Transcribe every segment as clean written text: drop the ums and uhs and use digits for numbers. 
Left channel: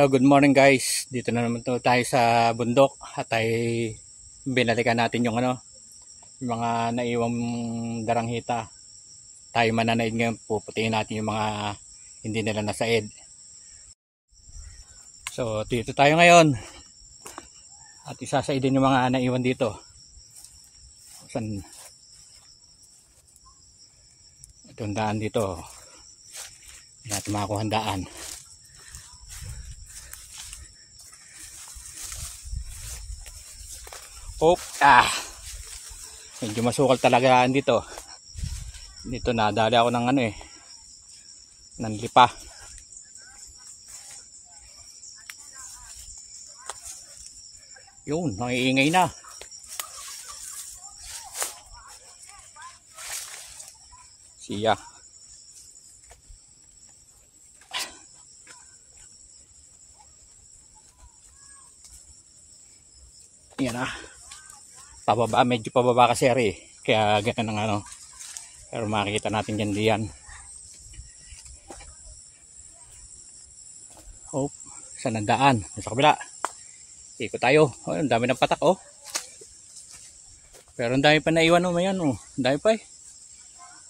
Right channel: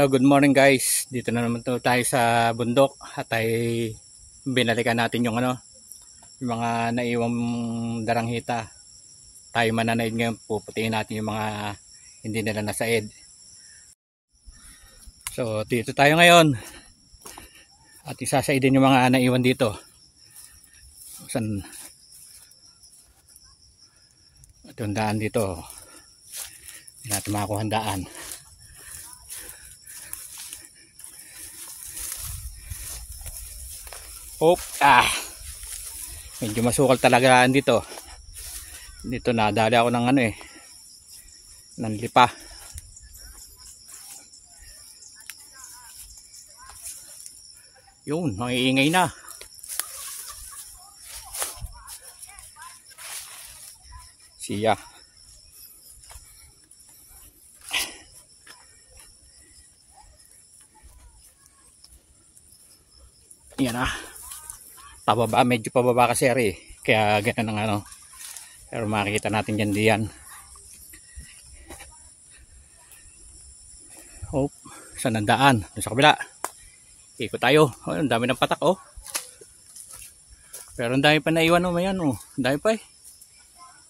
Hello, good morning guys. Dito na naman tayo sa bundok at ay binalikan natin yung yung mga naiwang daranghita. Tayo mananaid ngayon, puputiin natin yung mga hindi nila nasaid. So dito tayo ngayon at isasaidin yung mga naiwan dito. Saan? Itong daan dito, hindi natin makakuha daan. Medyo masukal talaga dito. Dito nadali ako ng ng lipa. Yun, nangiingay na. Siya. Yan ah. Pababa, medyo pababa kasi ari, kaya ganun ang pero makikita natin yan diyan. Oh, saan ang daan? Sa kabila. Ikot tayo. Oh, ang dami ng patak oh. Pero ang dami pa naiwan oh, mayan oh. Ang dami pa eh.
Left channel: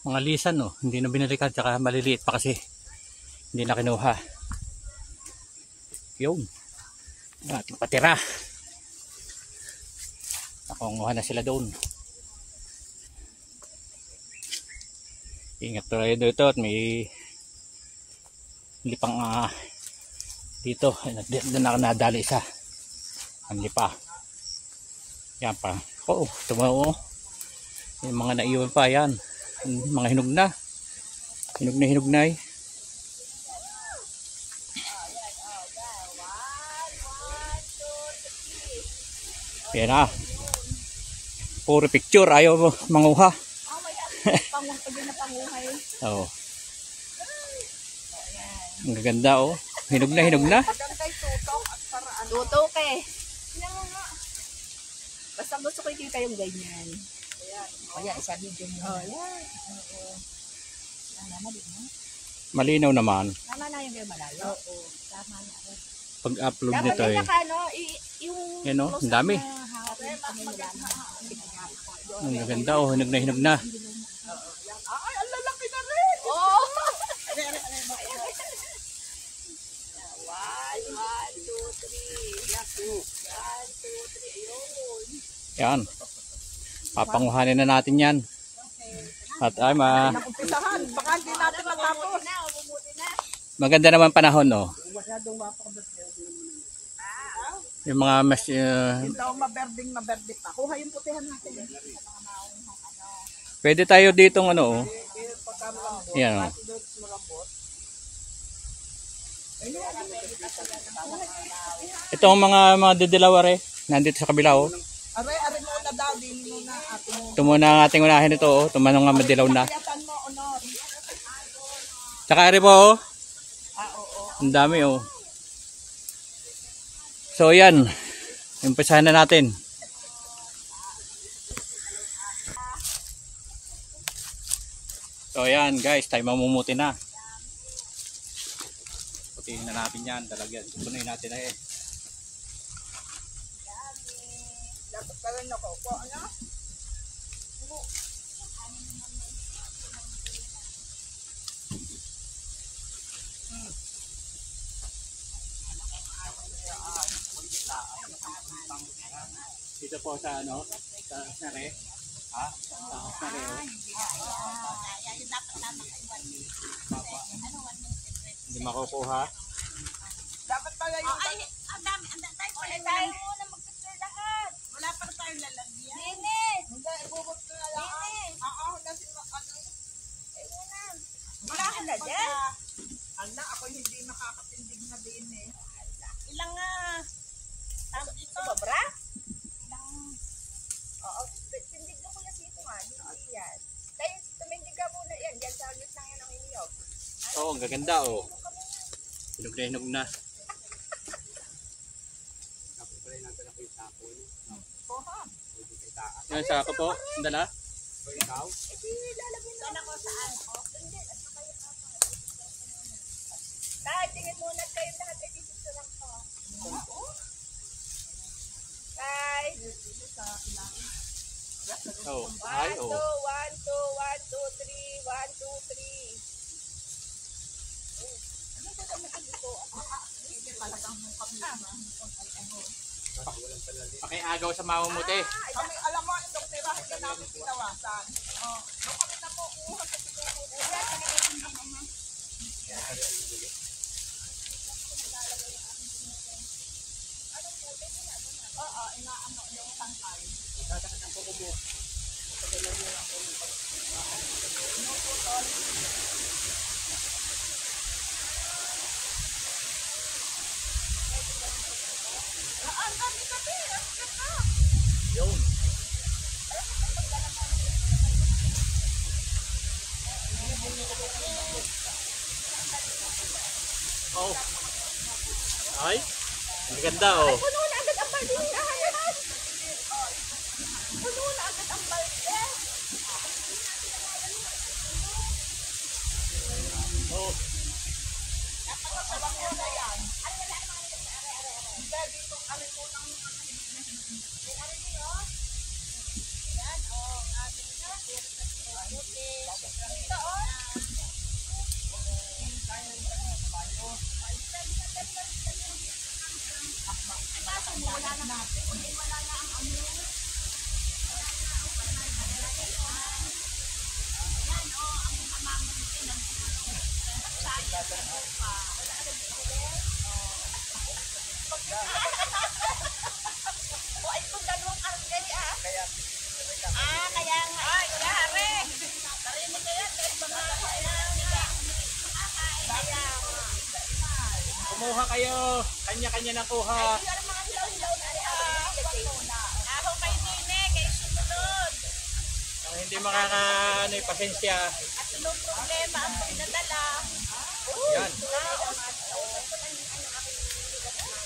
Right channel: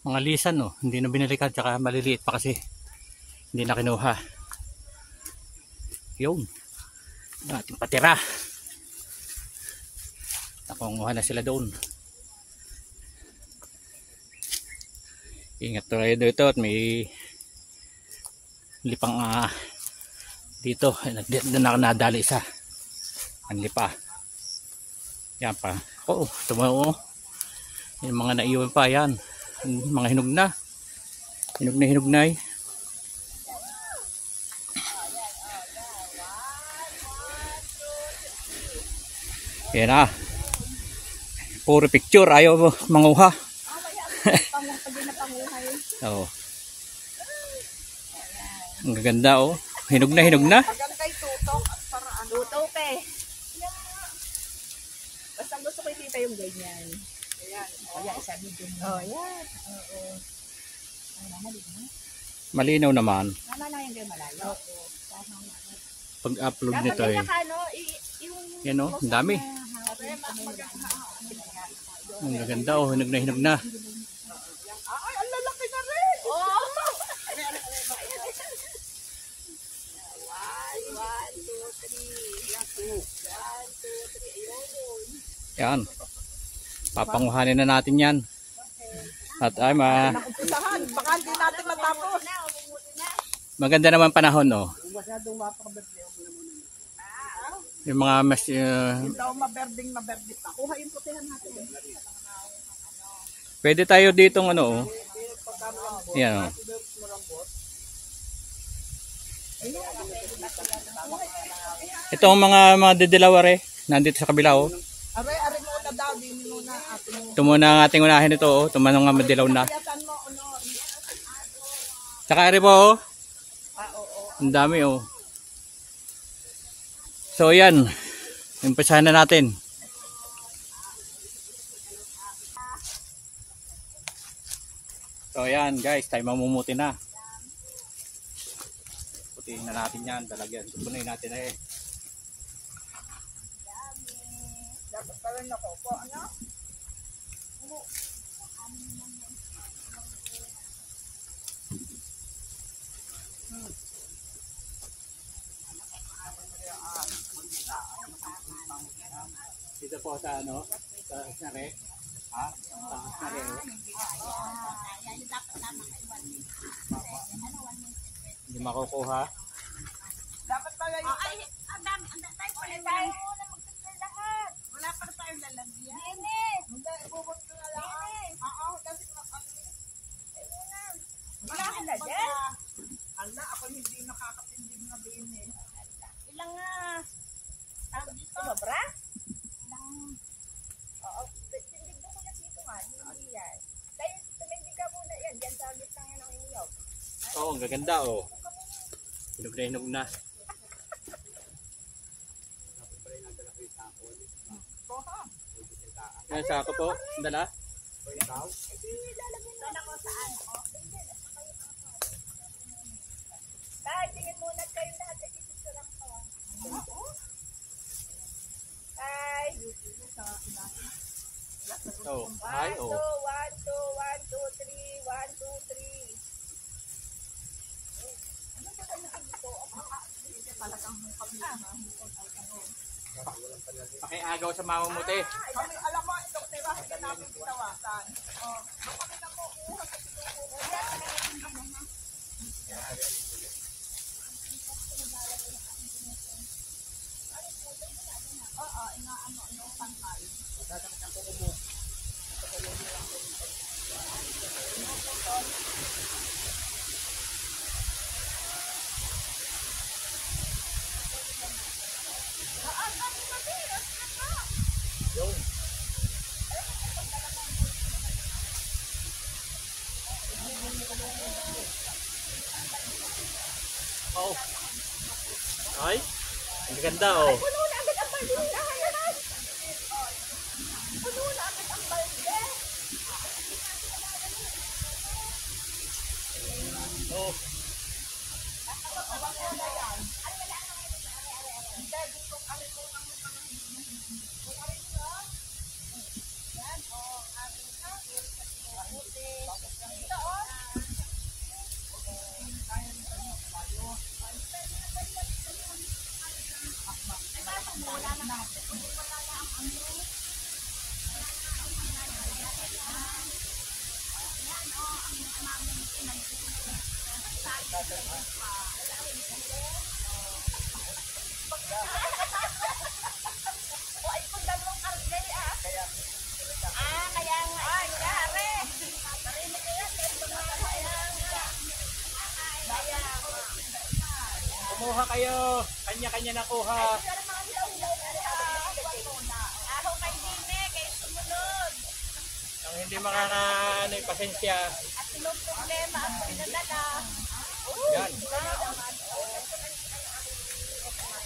Mga lisan oh, hindi na binalikan, tsaka maliliit pa kasi. Hindi na kinuha. Yun. Ating patira. Nakunguha na sila doon. Ingat tayo dito at may lipang dito. Nadali isa. Ang lipa. Yan pa. Oo, tumaw. Yung mga naiwan pa yan. Mga hinog na. Hinog na eh. Yan ah. Puro picture, ayaw mo manguha. Oh. Ang gaganda oh. Hinog na. Tutok eh. Basta gusto ko ikita yung ganyan. O yan, isa video mo. Malinaw naman. Tama na yung malayo. Oo. Tama na. Pag-upload nito eh. Yan oh, ang dami. Ang gaganda oh, hinog na. Ay, ang lalaki na rin. Oh. 1, 2, 3. 1, 2, 3. Ayun. Yan. Papanguhanin na natin yan. At ay baka hindi natin matapos. maganda naman panahon no. Yung mga mas daw maberding pa. Kuha yung putihan natin. Pwede tayo dito oh. Yan. Ito ang mga didilawar nandito sa kabila oh. Ito muna ang ating unahin ito oh. Tumanong nga madilaw na. Tsaka ari po oh. Ang dami oh. So yan. Umpisahan na natin. So yan guys, tayo mamumuti na. Putihin na natin yan. Talagyan. Tupunin natin Dapat ka rin nakaupo, ano? Dito po sa sa snare. Ha? Snare. Hindi makukuha. Dapat pala yung... Ay, ang dami tayo pala tayo. Lahat. Wala pa tayong lalagyan. Linis! Hindi, ibubot ko na lang. Linis! Kasi wala ka na dyan? Ala, ako hindi makakatindig na linis. Ilang tawag dito? Sobra? Oo, tindig na kuya sito nga. Hindi yan. Tayo, tumindig ka muna yan. Diyan sa gitna yan ang iniyog. Oo, ang gaganda oh. Hinog na. Yan sa ako po. Sandala. Saan ako saan? Tayo, tingin muna kayo lahat. Ay, dito sa lang ko. Five. Oh, One, ay, oh. two, one, two, one, two, three, one, two, three. Pakiagaw sa mama mo, te. Alam mo, itong tira, hindi namin pinawasan. Oh. Ay, ang ganda, oh. Puno na agad ang balde. Puno na agad ang balde. Oh. Ay, kung dalawang argay ah. Kaya nga. Ay, yari. Narinig ka yan. Kaya mga kaya. Kumuha kayo. Kanya-kanya na kuha. Aho kay Dine, kay sumunod. Ang hindi makakaano, pasensya. Anong problema ang pinadala? Yan.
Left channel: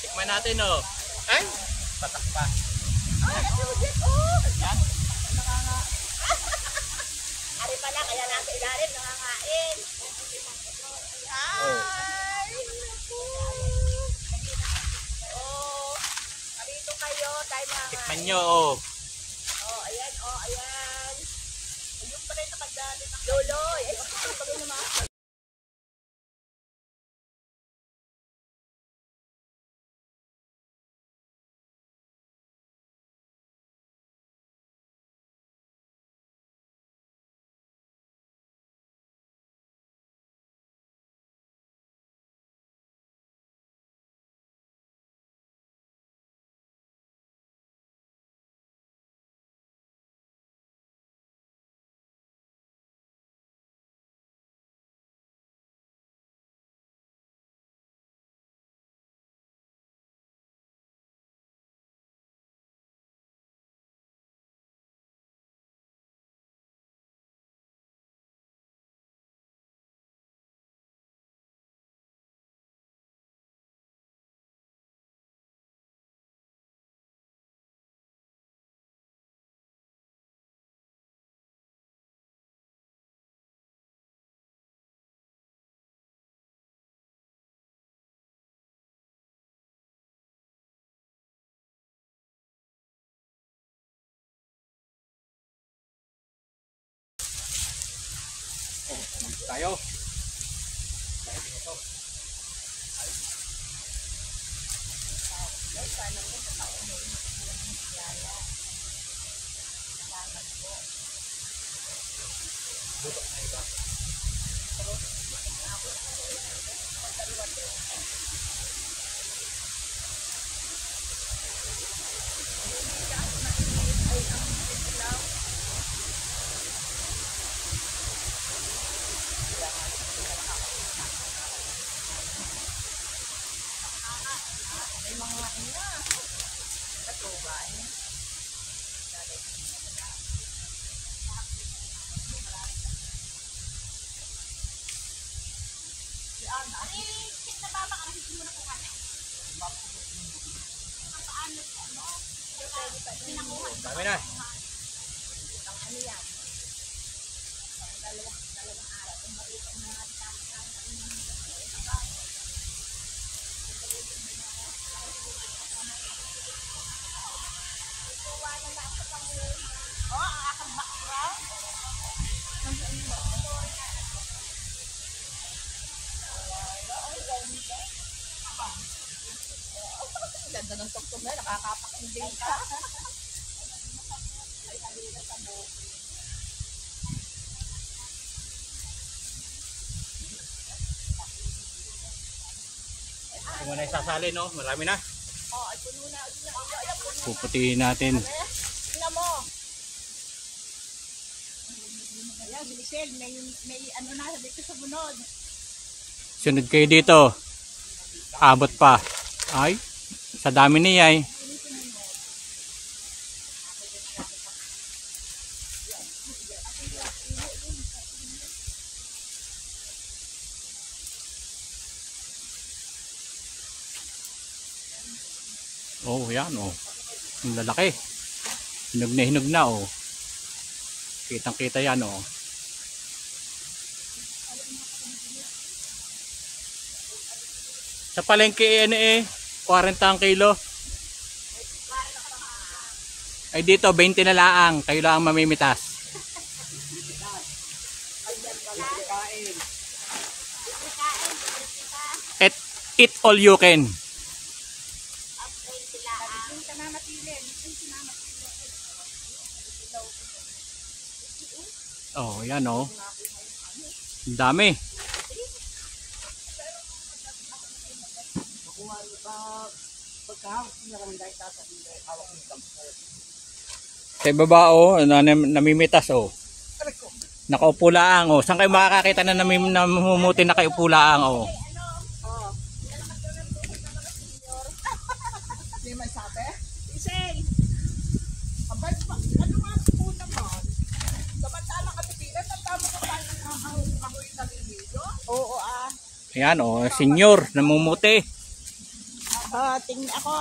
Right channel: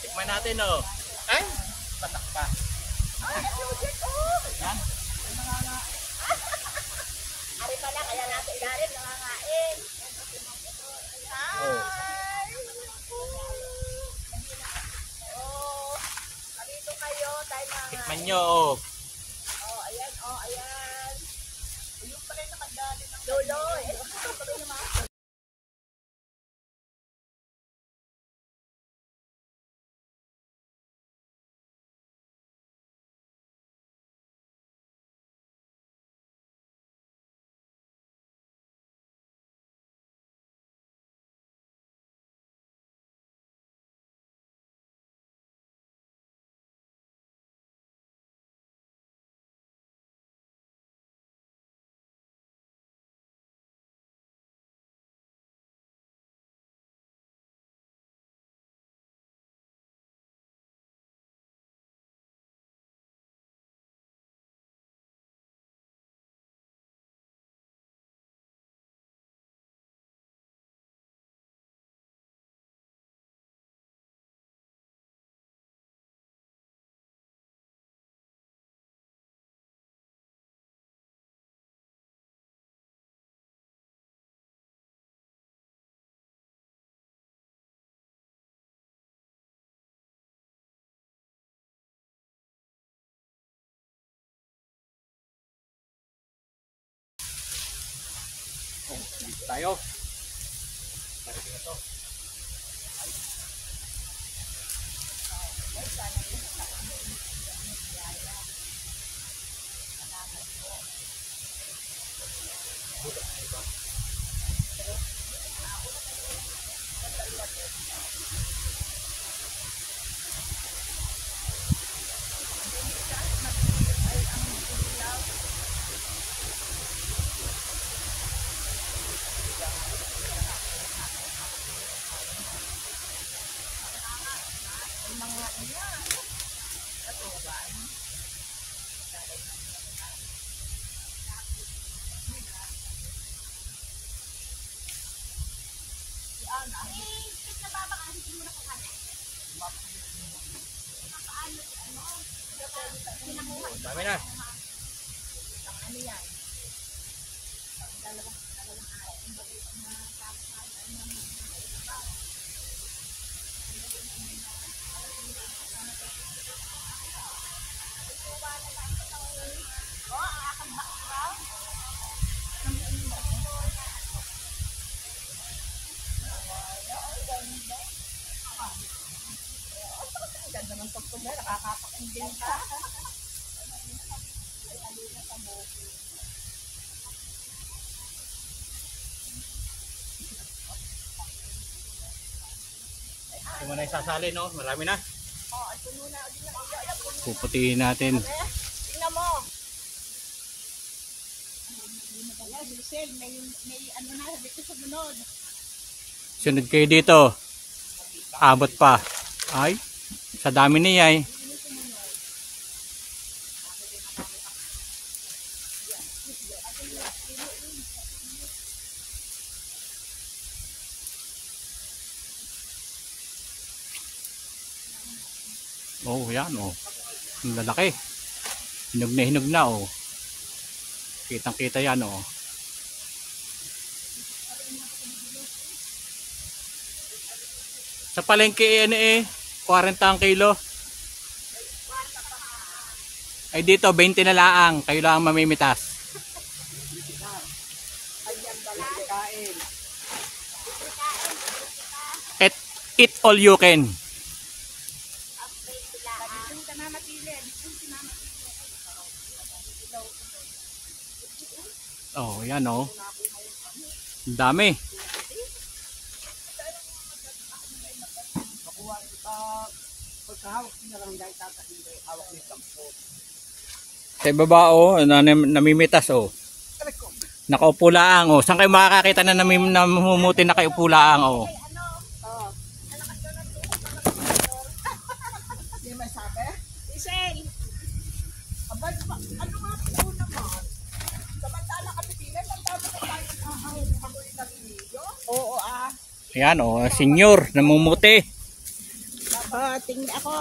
Tikman natin, oh. Ay, patak pa. Ay, ang sulit, oh. Yan. Ari pala, kaya nasa ilalim, nangangain. Ay, naku. Oh, marito kayo, tayo na. Tikman nyo, oh. Oh, ayan, oh, ayan. Ayun pala yung nakadali ng lolo. Eh, pag naman. Tayo. Dami na. Ito na isasali, no? Marami na. Puputihin natin. Tingnan mo. Ayan, Grisel, may ano na dito sa bunod. Sunod kayo dito. Abot pa. Ay, sa dami niya eh. Oh, yan oh. Ang lalaki. Hinog na oh. Kitang kita yan oh. Sa palengke ano eh, 40 ang kilo. Ay dito 20 na laang, kayo lang mamimitas. Eat all you can. Oh, yan oh. Ang dami. Sa baba oh, namimitas oh. Nakaupo laang oh. Saan kayo makakakita na namumuti na kaupo laang oh? Oo ah. Ayan oh, senior, namumuti. Tingin ako.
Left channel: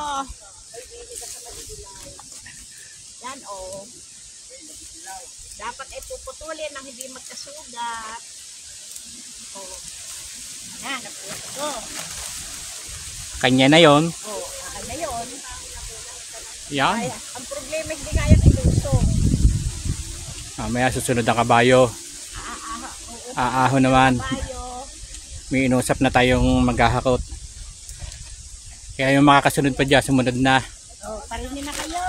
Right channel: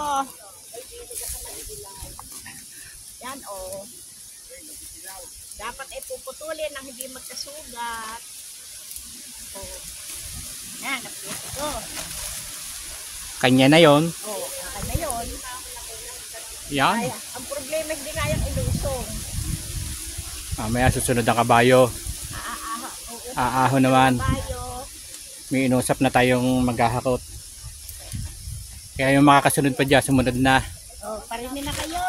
Yan oh. Dapat ipuputulin nang hindi magkasugat. Oh. Yan, napulot ko. Kanya na yon. Oh, kanya yun. Yan. Ay, ang problema hindi kayang ilusog. Mamaya susunod ang kabayo. Aaho naman. May inusap na tayong maghahakot. Kaya yung mga kasunod pa dyan, sumunod na. Oh, parinig na kayo.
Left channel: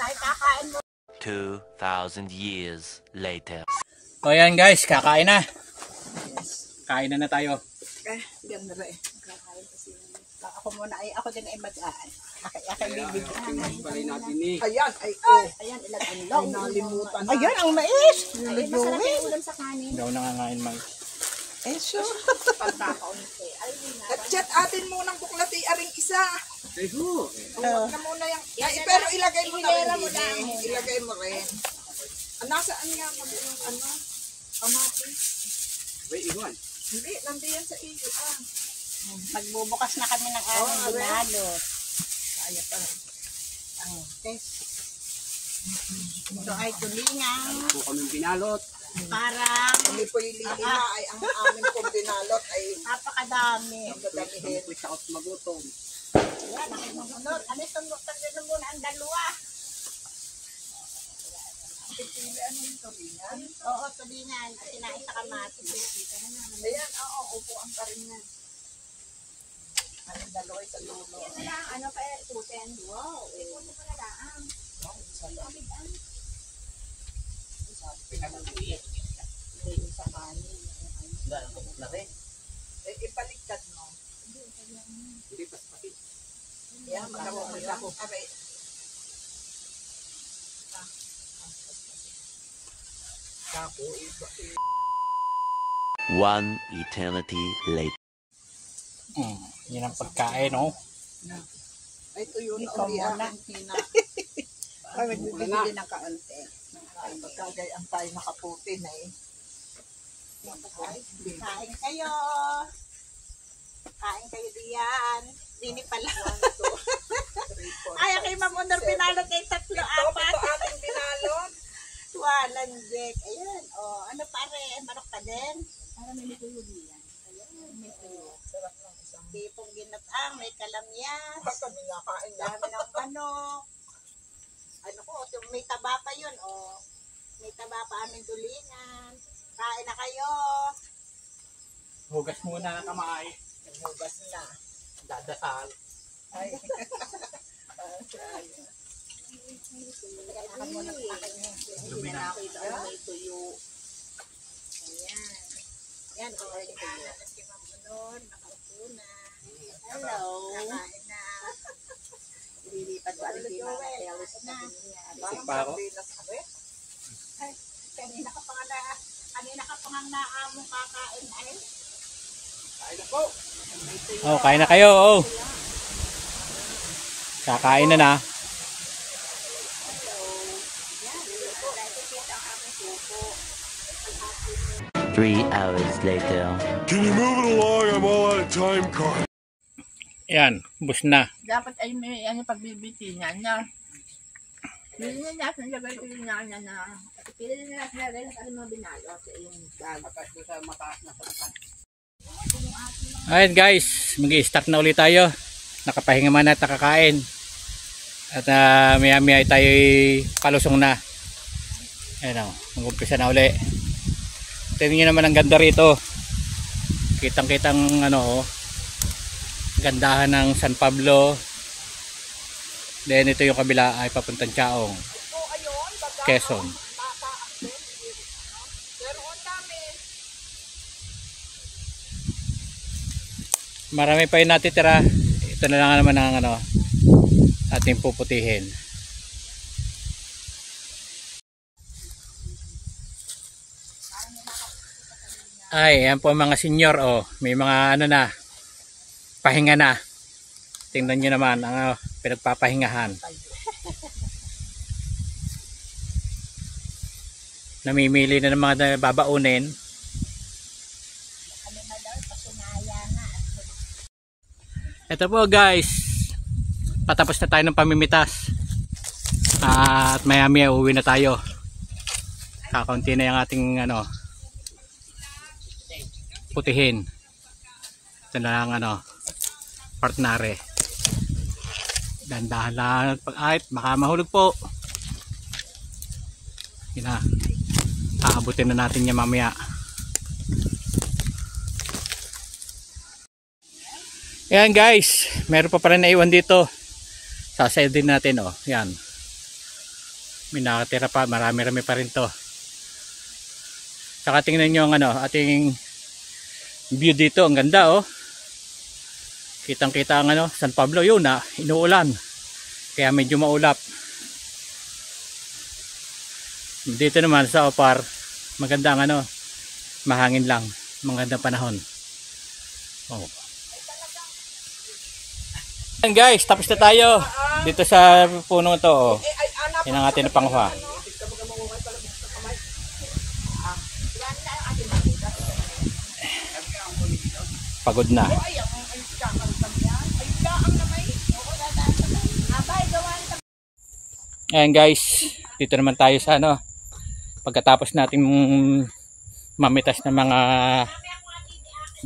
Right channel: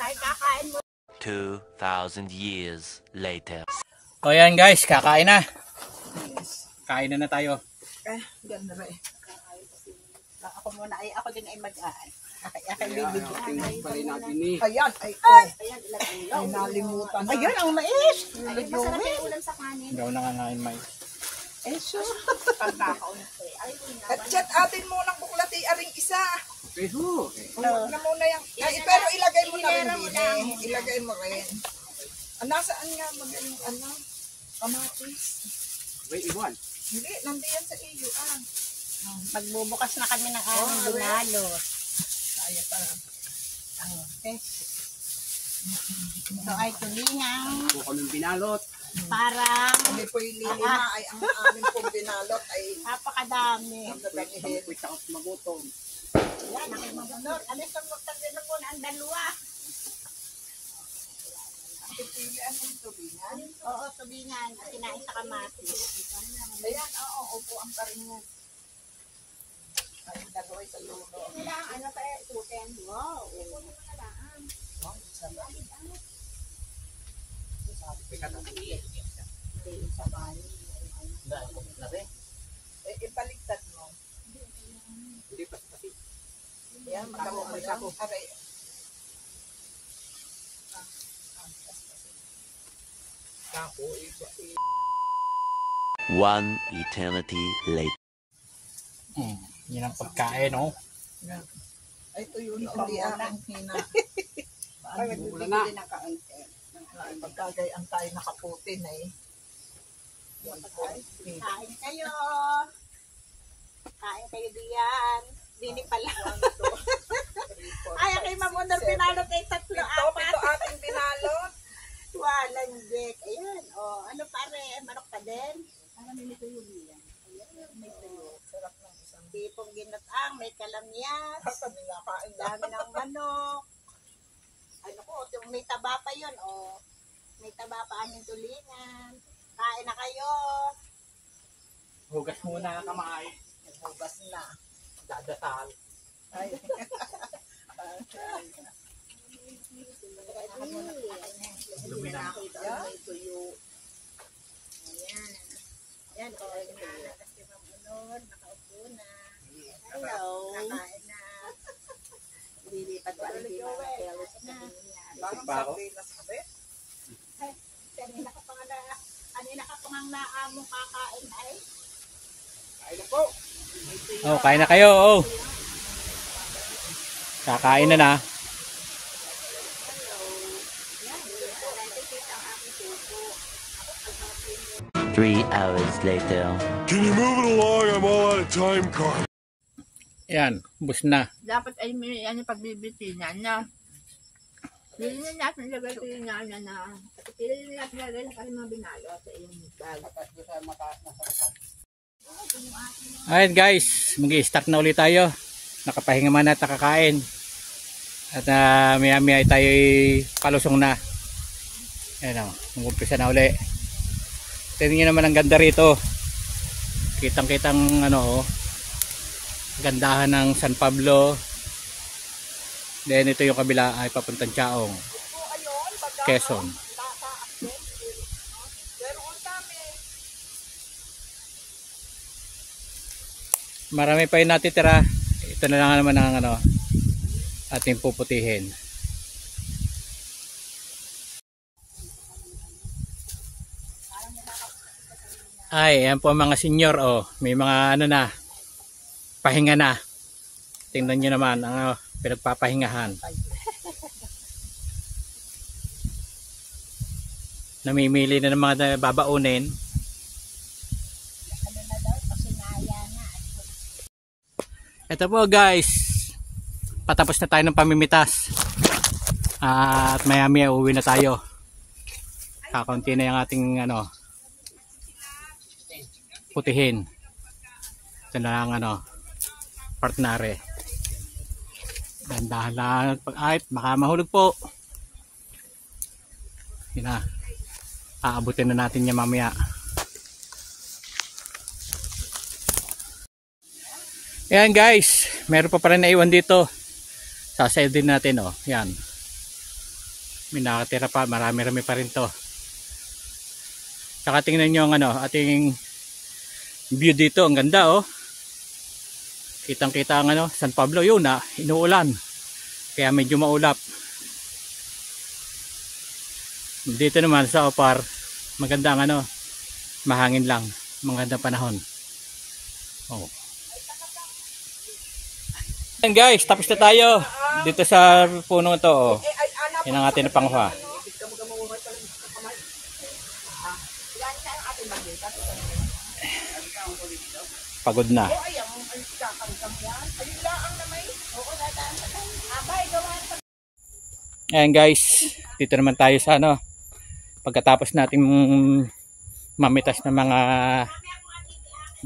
Tayo kakain mo. 2,000 years later. O yan guys, kakain na. Kain na tayo. Ganda rin. Kakain kasi. Ako muna ay ako din ay mag-aan. Aking bibigyan. Ayan, ay oh. Ayan, ilang Ay, nalimutan na. Ayan, ang mais. Lulujuin. Daw nangangain may. Eh, sure. Pagkakaunti. At chat atin munang buklati aring isa. Eho. Na muna yung, ay, pero ilagay mo na rin din eh. Ilagay mo rin. Nasaan nga mag yung ano? Kamatis. May iwan. Hindi, nandiyan sa iyo ah. Magbubukas na kami ng aming binalot. Kaya pa. Test. Ito ay tulingang Kung kaming binalot. parang Kami po yung lilima ay ang aming pong binalot ay napakadami. magdadamihin. Pwede ako magutom. Ayan, ang mamunod. Ano itong tagdinan muna ang dalawa? Pili anong tubingan? Oo, tulingan. Kinain sa kamatis. Ayan, oo, upo ang paringan. Ay, daloy sa lulo. Yan na lang, ano pa itutin? Wow. Ito mo na lang. Ipaliktad mo. Hindi pa pati. Yan, magkako mo lang. Aray. One eternity later. Yan ang pagkain oh. Ay, tuyo na ang hina. Ay, magbibigay ng kaunti. Ay, pagkagayaan tayo nakaputin eh. Kain kayo. Kain kayo diyan. Dini pala. Ay, kay Mamunor pinalot ay 3, 4. Ito ating binalot. Walang Jack. Ayan. Oh, ano pare? Manok pa din? Parang may tuyo diyan. Ayan, may tuyo. Sarap ng isang Tipong ginatang, may kalamyas. kami nakain lang. Dami ng manok. Ano ko, may taba pa yun. Oh. May taba pa aming tulingan. Kain na kayo. Hugas muna na kamay. Hugas na. Dadasal. Ay, Dumi na. Yan, kaya yung anak at yung mamunod, nakaupo na. Hello. Kakain na. Lilipat ba rin yung mga kaya gusto na. Isip pa ako. Kanina ka pa nga naamong kakain ay. Oh, kain na kayo. Oh. Kakain na na. 3 hours later. Can you move it along? I'm all out of time card. Yan, bus na. Dapat ay may ano pagbibitinan na. Yun yung natin nilagay ko yung nana na. Pili na natin nilagay sa kalimang binayo sa yung bag. Alright guys, mag-i-start na ulit tayo. Nakapahinga man at nakakain. At maya maya tayo palusong na. Ayan o, mag-umpisa na uli. Tingnan nyo naman ang ganda rito. Kitang-kitang ano, gandahan ng San Pablo. Then ito yung kabila ay papuntang Chaong, Quezon. Marami pa yung natitira. Ito na lang naman ang ano, ating puputihin. Ay, yan po mga senior, oh. May mga ano na, pahinga na. Tingnan nyo naman ang pinagpapahingahan. Namimili na ng mga babaunin. Ito po guys, patapos na tayo ng pamimitas. At maya maya uwi na tayo. Kakaunti na yung ating ano, putihin. Ito na lang ano, partnere. Dandahan lang at pag-ahit, baka mahulog po. Yun na, aabutin na natin yung mamaya. Ayan guys, meron pa rin naiwan dito. Sasayad din natin, oh. Yan, may nakatira pa, marami-rami pa rin to. Saka tingnan nyo ang ano, ating view dito, ang ganda, oh. Kitang kita ang ano, San Pablo. Yun na, inuulan, kaya medyo maulap. Dito naman sa Opar, maganda ang ano, mahangin lang, magandang panahon. Oh. Ayan guys, tapos na tayo dito sa puno ito, oh. Yan ang ating napangha. Pagod na. Ayan guys, dito naman tayo sa ano, pagkatapos natin mamitas ng mga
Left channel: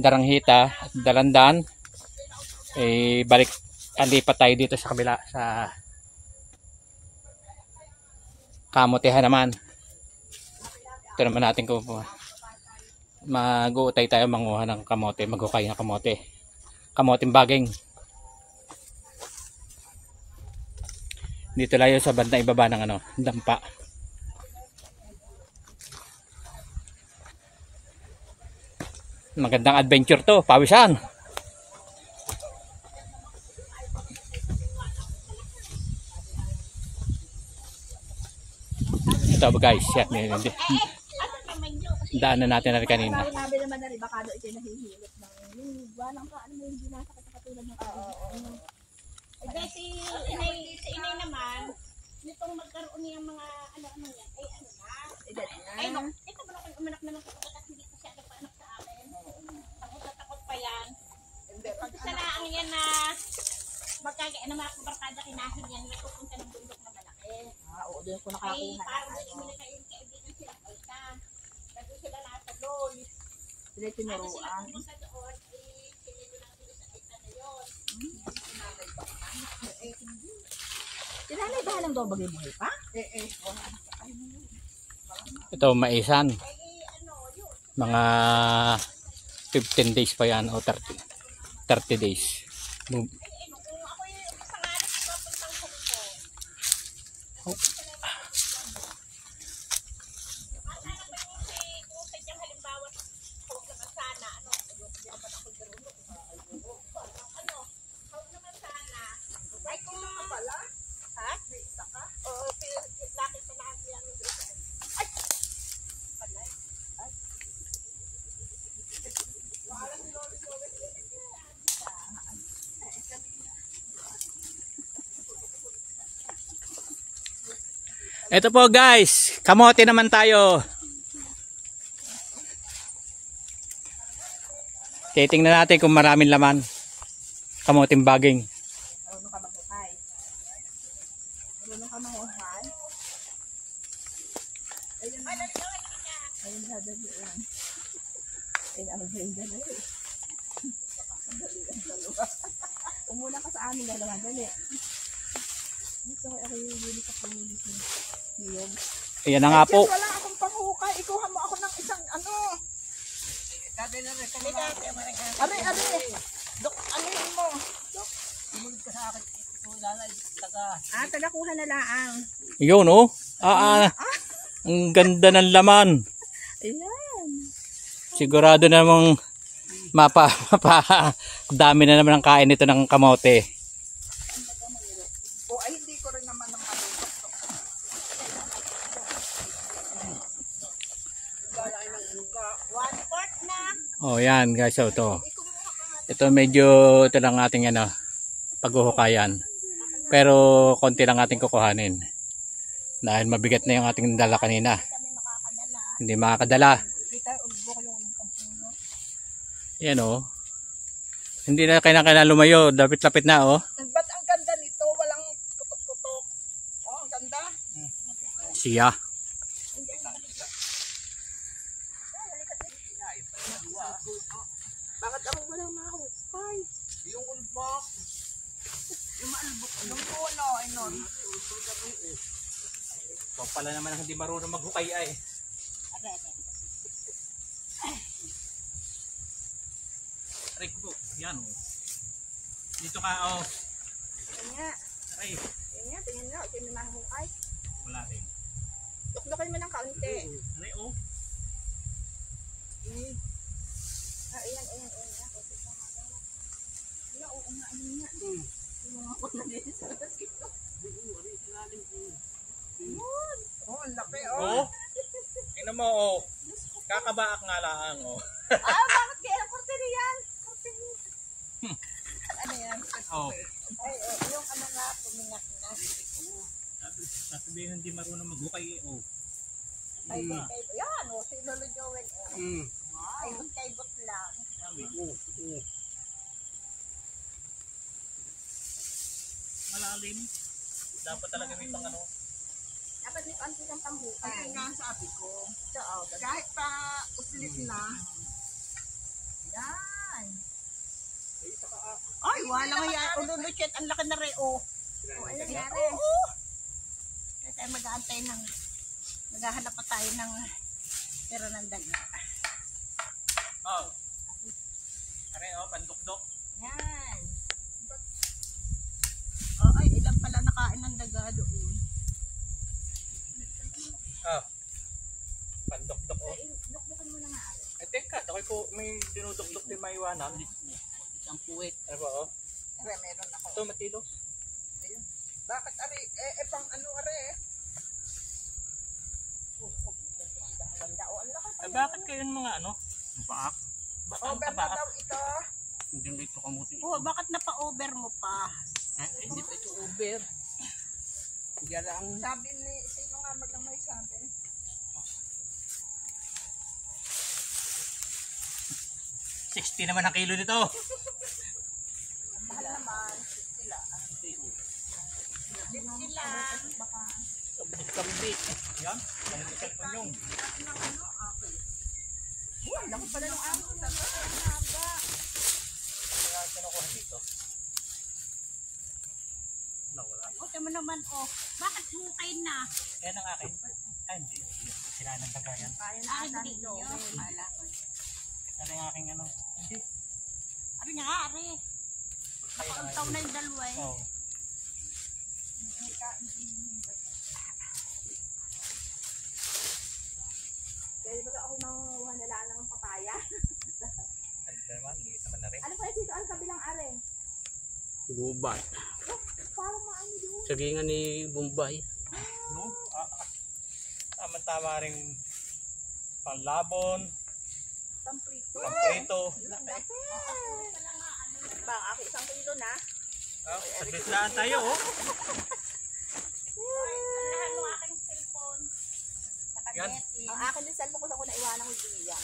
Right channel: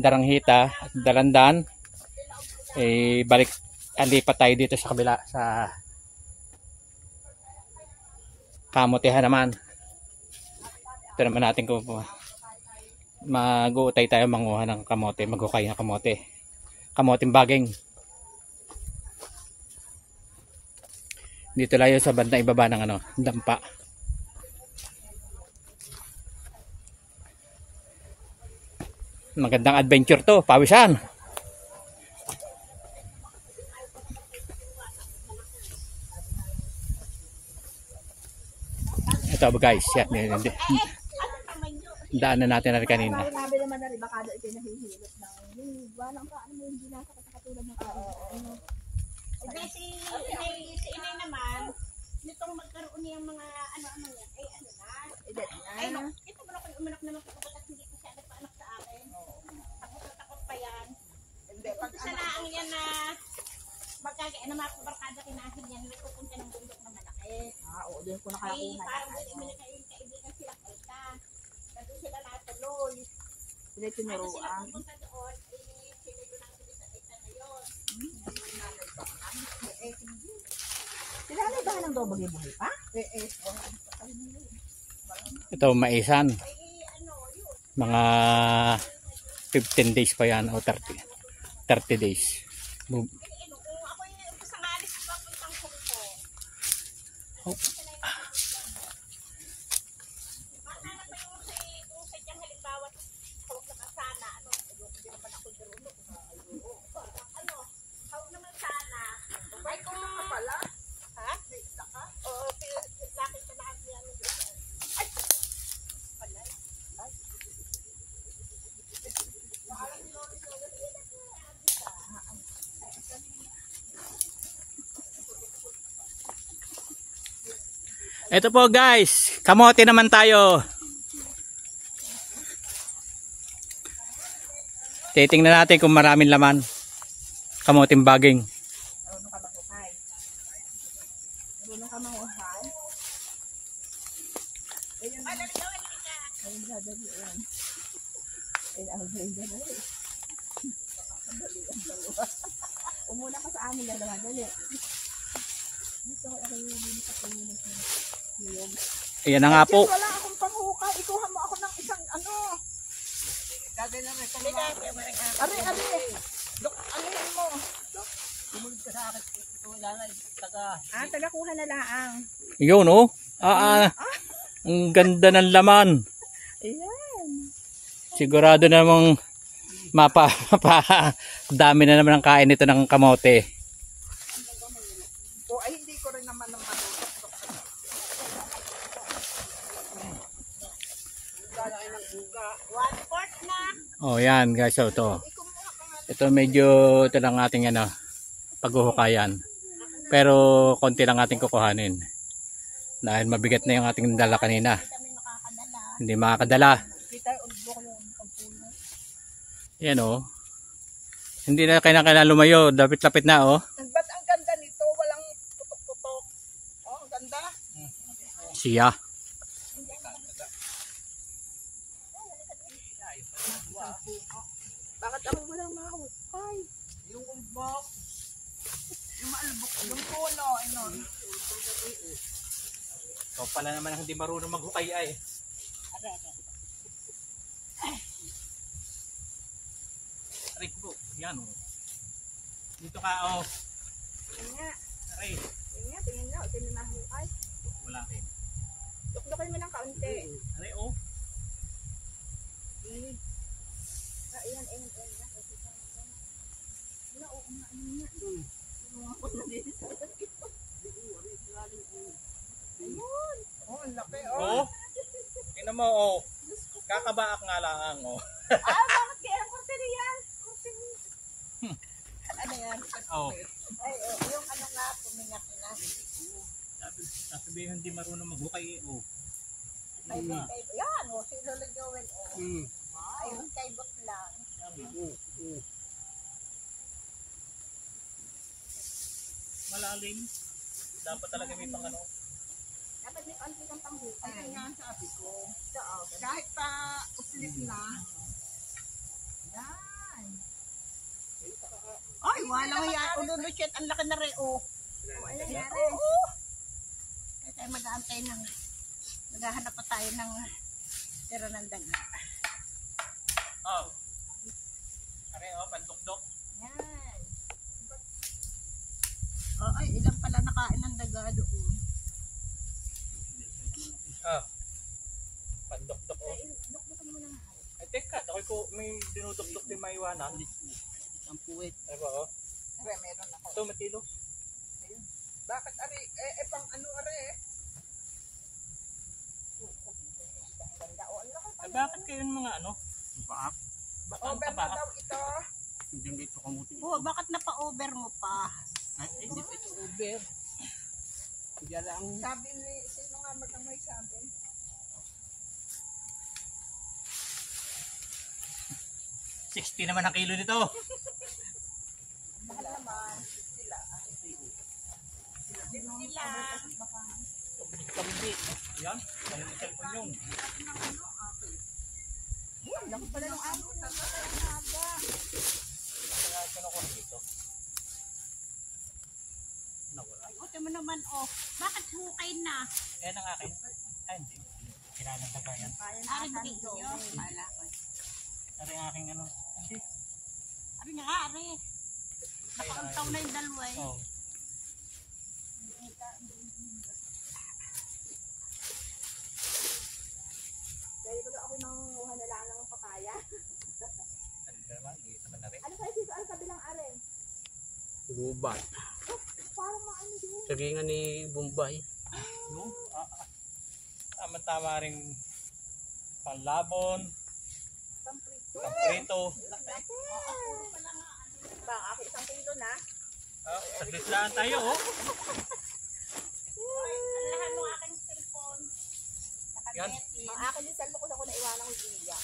daranghita at dalandan, eh balik, alipat tayo dito sa kabila sa kamotehan naman. Ito naman natin kung mag-uutay tayo manguha ng kamote, mag-ukay ng kamote, kamoting baging. Dito layo sa banda ibaba ng ano, dampa. Magandang adventure to, pawisan. Ito ba guys, yan, daanan natin na rin kanina. Sabi naman na baka ito nahihilot na. Walang paano hindi nasa katulad ng ano. Kasi inay naman, nitong magkaroon niyang mga ano-ano yan, ay ano na. Ay no, ito pa ako umanak na ng takot at hindi ko siya nagpaanak sa akin. Takot pa yan. Isa na ang yan na magkagaya na mga kubarkada kinahin yan, may pupunta ng bundok na malaki. Oo, doon ko Ay parang hindi mo kaibigan sila kaita. Kasi sila natuloy. Sila tinuruan. Sa doon, sila sa na yun. Sila na ba lang daw maging-buhay pa? Ito maisan, mga 15 days pa yan o 30 days. Ito po guys, kamote naman tayo. Titingnan natin kung maraming laman. Kamoting baging. Marunong ka magbukay. Marunong ka manguhan. Ayun, ay, dali ka. Ayun, dali lang. Ay, ang ganda na eh. Umuna ka sa amin na naman, dali. Dito, ako yung bili ka po yun. Ayan na nga po. Wala akong panghukay. Ikuha mo ako ng isang ano. Are. Dok, ano yun mo? Tagakuha na lang. Yun oh. Ang ganda ng laman. Ayan. Sigurado namang dami na naman ang kain nito ng kamote. O ay hindi ko rin naman ng ano. Oh yan guys, so ito medyo ito lang ating paghuhukayan. Pero konti lang ating kukuhanin. Dahil mabigat na yung ating dala kanina. Hindi makakadala. Yan oh. Hindi na kailangan lumayo, lapit-lapit na oh. Ba't ang ganda nito? Walang tutok-tutok. Oh, ang ganda. Siya. Bakit ako walang mahukay? Yung ulbok. Yung maalbok. Yung puno. Inon. Ikaw pala naman ang hindi marunong maghukay ay. Aray ko, yan oh. Dito ka oh. Tingnan. Aray, Tingnan nyo. Tingnan na mahukay. wala rin. Dukdukin mo ng kaunti. Aray oh. Ayan. Oh, ang laki. Oh. Tingnan mo oh. Kakabaak nga lang oh. Bakit kaya ang kurtiri yan? Ano yan? Oh. Yung ano nga, pumingat na. Sasabihin hindi marunong maghukay eh oh. Yan, si Lolo Joel. Ay, kaibot lang. Malalim. Dapat talaga may pang ano. Dapat may konti kang pambukay. Ay, nga sabi ko. Kahit pa uslit na. Yan. Ay, wala nga yan. Ululuchet. Ang laki na rin. Oh. Ano nangyari? Kaya tayo mag-aantay ng maghahanap pa tayo ng pero ng daga. Oh. Aray oh, pandukdok. Yan. Oh, ay, ilang pala nakain ng daga doon. Ah. Pandukdok oh. Dukdukin mo na nga. Eh teka, ako'y ko may dinudukdok din maiwanan. Ang puwet. Ano ba oh? Are, meron ako. Ito matilo. Ayun. Bakit, are? Pang ano, are? Eh bakit kayo mga ano? Paak? Ba't ang Over na tabaak? daw ito. Hindi dito kamuti. Oh, bakit napa-over mo pa? Ay, hindi pa ito over. Kaya lang. Sabi ni, sino nga magkamay sabi? $60 naman ang kilo nito. Mahal naman. Kambit. Yan. Ang cellphone yung. Laki pala ng ano. Okay mo naman, oh. Bakit hukay na? Yan ang akin. Ay, hindi. Sira ng bagayan. Kaya na Ari ata ni ninyo. Joel. Kala ko. Ano ang aking ano? Hindi. Ari nga, ari. Nakauntaw na yung dalawa eh. Oh. Dahil baga ako nangunguha na lang ng papaya. Ay, ito naman. Liit naman na rin. Ano kaya dito? Ang kabilang are? Gubat. Parang maano doon. Sagingan ni Bombay. No? Tama-tama rin panlabon, Pamprito. pamprito. Bang, ako 1 kilo na. Biglaan tayo oh. Alahan mo aking cellphone. Yan. Ang akin yung cellphone ko na iwanan ko diyan.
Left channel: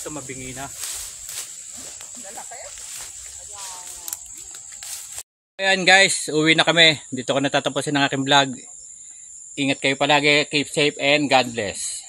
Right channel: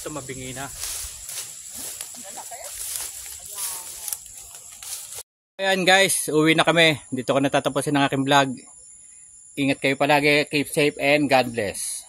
Ito mabingi na. Ayan guys, uwi na kami. Dito ko natatapusin ang aking vlog. Ingat kayo palagi, keep safe and God bless.